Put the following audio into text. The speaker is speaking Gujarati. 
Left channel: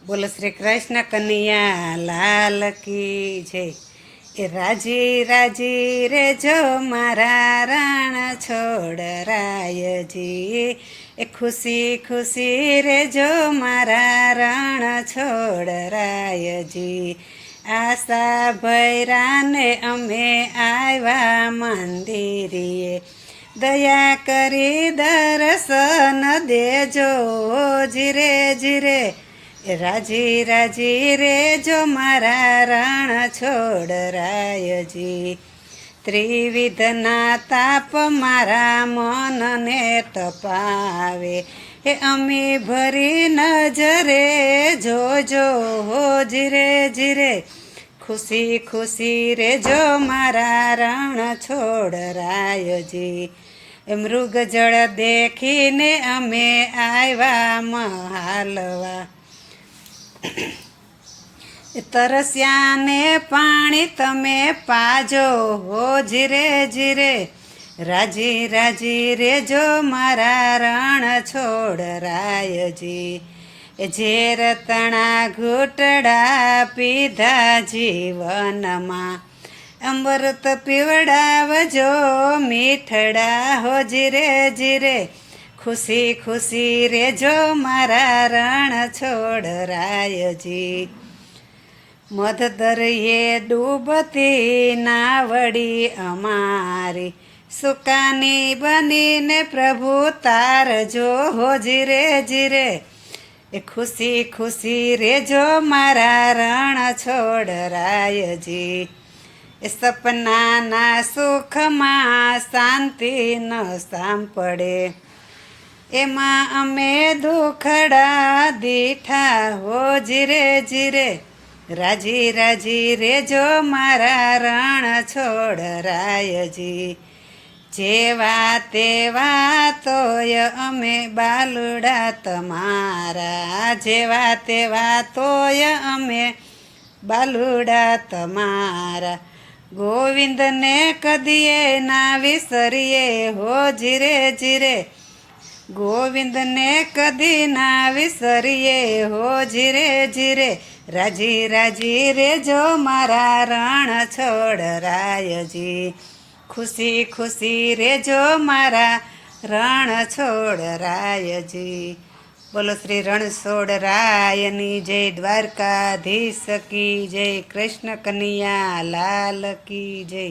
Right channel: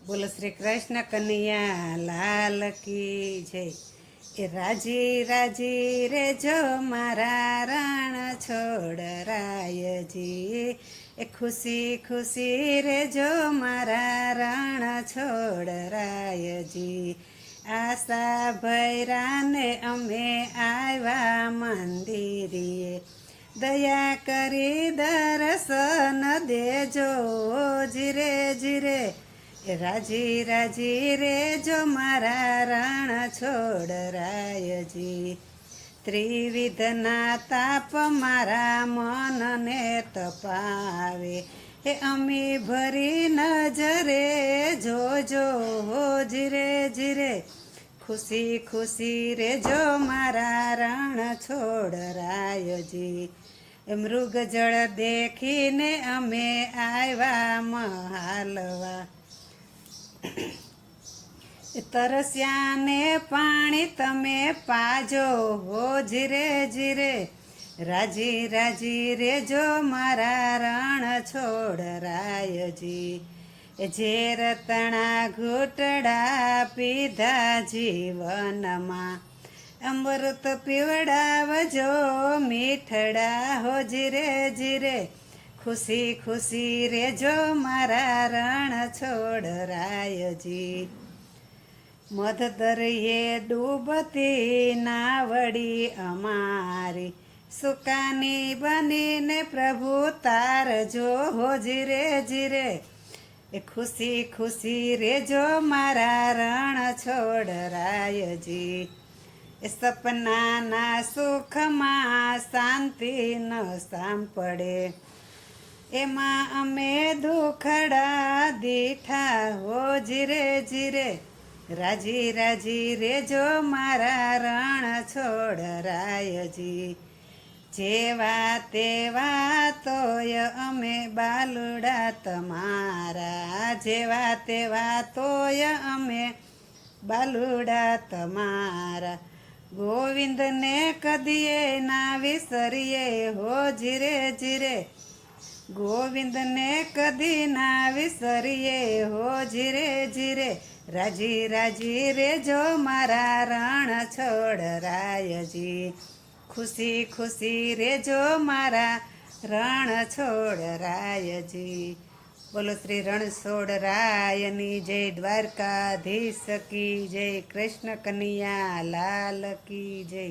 બોલો શ્રી કૃષ્ણ કનૈયા લાલ કી જય। એ રાજી રાજી રે જો મારા રાણ છોડરાયજી, એ ખુશી ખુશી રે જો મારા રાણ છોડરાયજી। આશા ભૈરાને અમે આવ્યા મંદિરીએ, દયા કરી દર્શન દેજો જીરે જીરે। એ રાજી રાજી રે જો મારા રાણ છોડરાયજી, ત્રિવિધના તાપ મારા મનને તપાવે, એ અમી ભરી નજરે જોજો જીરે જીરે। ખુશી ખુશી રે જો મારા રાણ છોડરાયજી, મૃગ જળ દેખીને અમે આવ્યા મહાલવા, તરસ્યાને પાણી તમે પાજો હો જીરે જીરે। રાજી રાજી રે જો મારા રણ છોડરાયજી, ઝેર તણા ઘૂંટડા પીધા જીવનમાં, અમૃત પીવડાવજો મીઠડા હો જીરે જીરે। ખુશી ખુશી રે જો મારા રણ છોડરાયજી, મધ દરિયે ડૂબતી નાવડી અમારી, સુકાની બનીને પ્રભુ તારજો હો જીરે જીરે। એ ખુશી ખુશી રે જો મારા રણ છોડરાયજી, એ સપનાના સુખમાં શાંતિ ન સાંપડે, એમાં અમે દુખડા દીઠા હો જીરે જીરે। રાજી રાજી રે જો મારા રણ છોડરાયજી, જેવા તેવા તોય અમે બાલુડા તમારા, જેવા તેવા તોય અમે બાલુડા તમારા। ગોવિંદને કદીએ ના વિસરીએ હો જીરે જીરે, ગોવિંદને કદી ના વિસરીએ હો જીરે જીરે। રાજી રાજી રે જો મારા રણ છોડરાયજી, ખુશી ખુશી રે જો મારા રણ છોડરાયજી। બોલો શ્રી રણછોડરાયની જય, દ્વારકાધીશ કી જય, કૃષ્ણ કનૈયા લાલ કી જય।